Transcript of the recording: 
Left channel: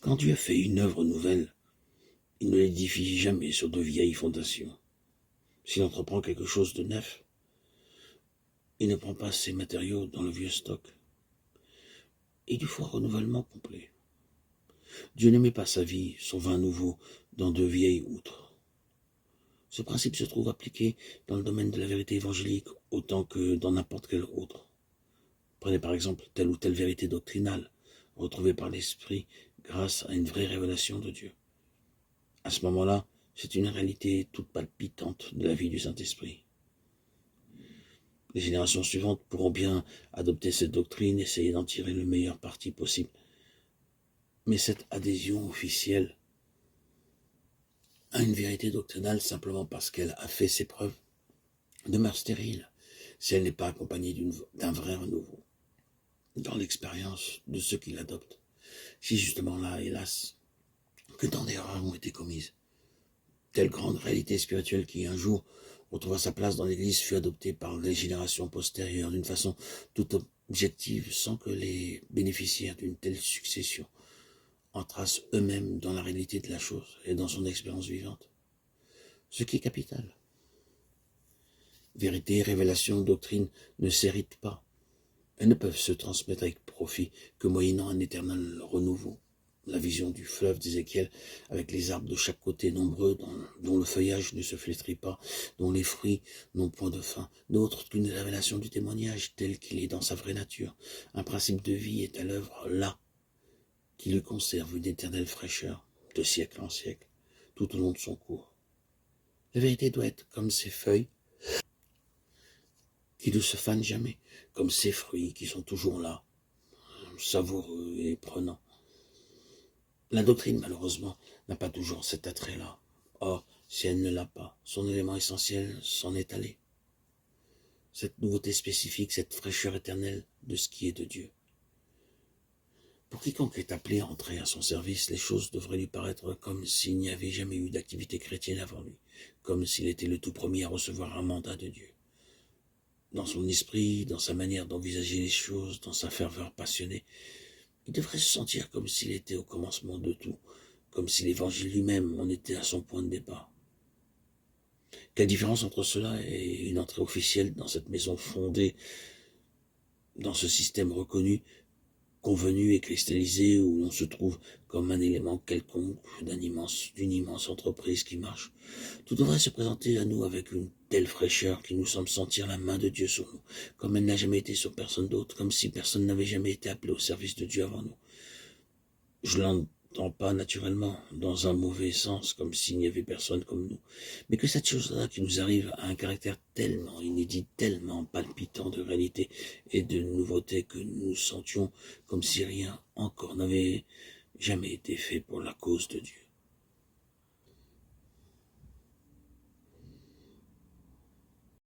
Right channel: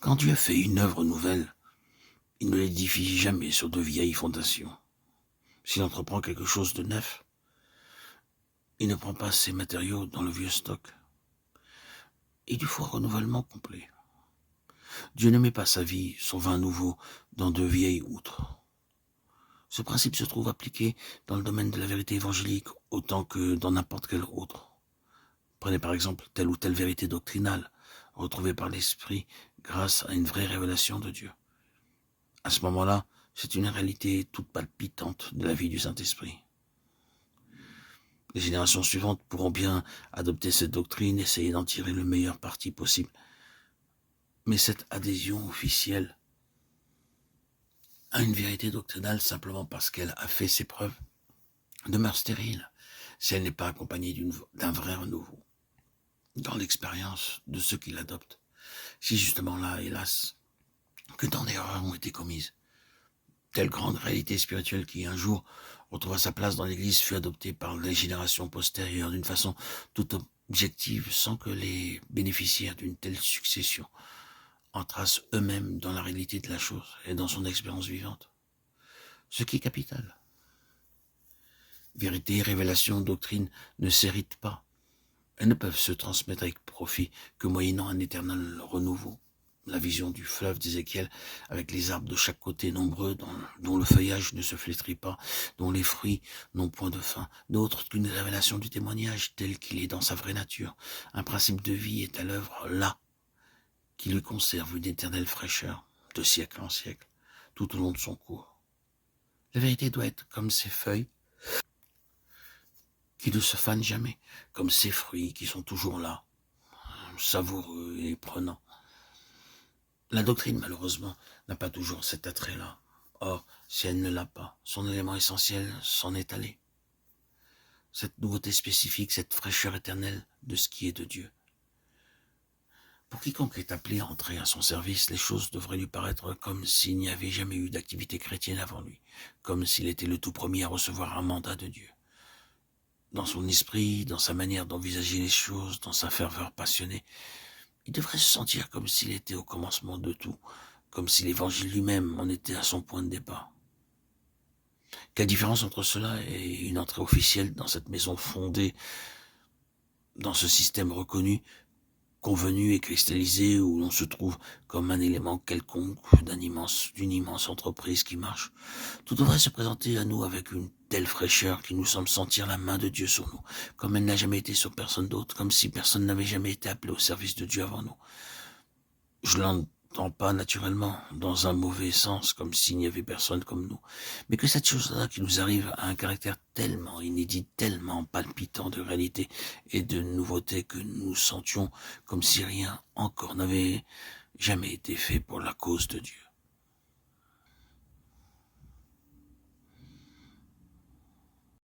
Quand Dieu fait une œuvre nouvelle, il ne l'édifie jamais sur de vieilles fondations. S'il entreprend quelque chose de neuf, il ne prend pas ses matériaux dans le vieux stock. Il lui faut un renouvellement complet. Dieu ne met pas sa vie, son vin nouveau, dans de vieilles outres. Ce principe se trouve appliqué dans le domaine de la vérité évangélique autant que dans n'importe quel autre. Prenez par exemple telle ou telle vérité doctrinale, retrouvée par l'Esprit grâce à une vraie révélation de Dieu. À ce moment-là, c'est une réalité toute palpitante de la vie du Saint-Esprit. Les générations suivantes pourront bien adopter cette doctrine, essayer d'en tirer le meilleur parti possible. Mais cette adhésion officielle à une vérité doctrinale simplement parce qu'elle a fait ses preuves demeure stérile si elle n'est pas accompagnée d'un vrai renouveau dans l'expérience de ceux qui l'adoptent. Si justement là, hélas, que tant d'erreurs ont été commises, telle grande réalité spirituelle qui un jour retrouva sa place dans l'Église fut adoptée par les générations postérieures d'une façon toute objective sans que les bénéficiaires d'une telle succession entrassent eux-mêmes dans la réalité de la chose et dans son expérience vivante. Ce qui est capital. Vérité, révélation, doctrine ne s'héritent pas. Elles ne peuvent se transmettre avec profit que moyennant un éternel renouveau. La vision du fleuve d'Ézéchiel, avec les arbres de chaque côté nombreux, dont le feuillage ne se flétrit pas, dont les fruits n'ont point de fin, d'autres qu'une révélation du témoignage tel qu'il est dans sa vraie nature. Un principe de vie est à l'œuvre là, qui lui conserve une éternelle fraîcheur, de siècle en siècle, tout au long de son cours. La vérité doit être comme ces feuilles, qui ne se fanent jamais, comme ces fruits qui sont toujours là, savoureux et prenants. La doctrine, malheureusement, n'a pas toujours cet attrait-là. Or, si elle ne l'a pas, son élément essentiel s'en est allé. Cette nouveauté spécifique, cette fraîcheur éternelle de ce qui est de Dieu. Pour quiconque est appelé à entrer à son service, les choses devraient lui paraître comme s'il n'y avait jamais eu d'activité chrétienne avant lui, comme s'il était le tout premier à recevoir un mandat de Dieu. Dans son esprit, dans sa manière d'envisager les choses, dans sa ferveur passionnée, il devrait se sentir comme s'il était au commencement de tout, comme si l'Évangile lui-même en était à son point de départ. Quelle différence entre cela et une entrée officielle dans cette maison fondée, dans ce système reconnu, convenu et cristallisé où l'on se trouve comme un élément quelconque d'une immense entreprise qui marche. Tout devrait se présenter à nous avec une telle fraîcheur qui nous semble sentir la main de Dieu sur nous, comme elle n'a jamais été sur personne d'autre, comme si personne n'avait jamais été appelé au service de Dieu avant nous. Je l'entends pas naturellement, dans un mauvais sens, comme s'il n'y avait personne comme nous, mais que cette chose-là qui nous arrive a un caractère tellement inédit, tellement palpitant de réalité et de nouveauté que nous sentions comme si rien encore n'avait jamais été fait pour la cause de Dieu.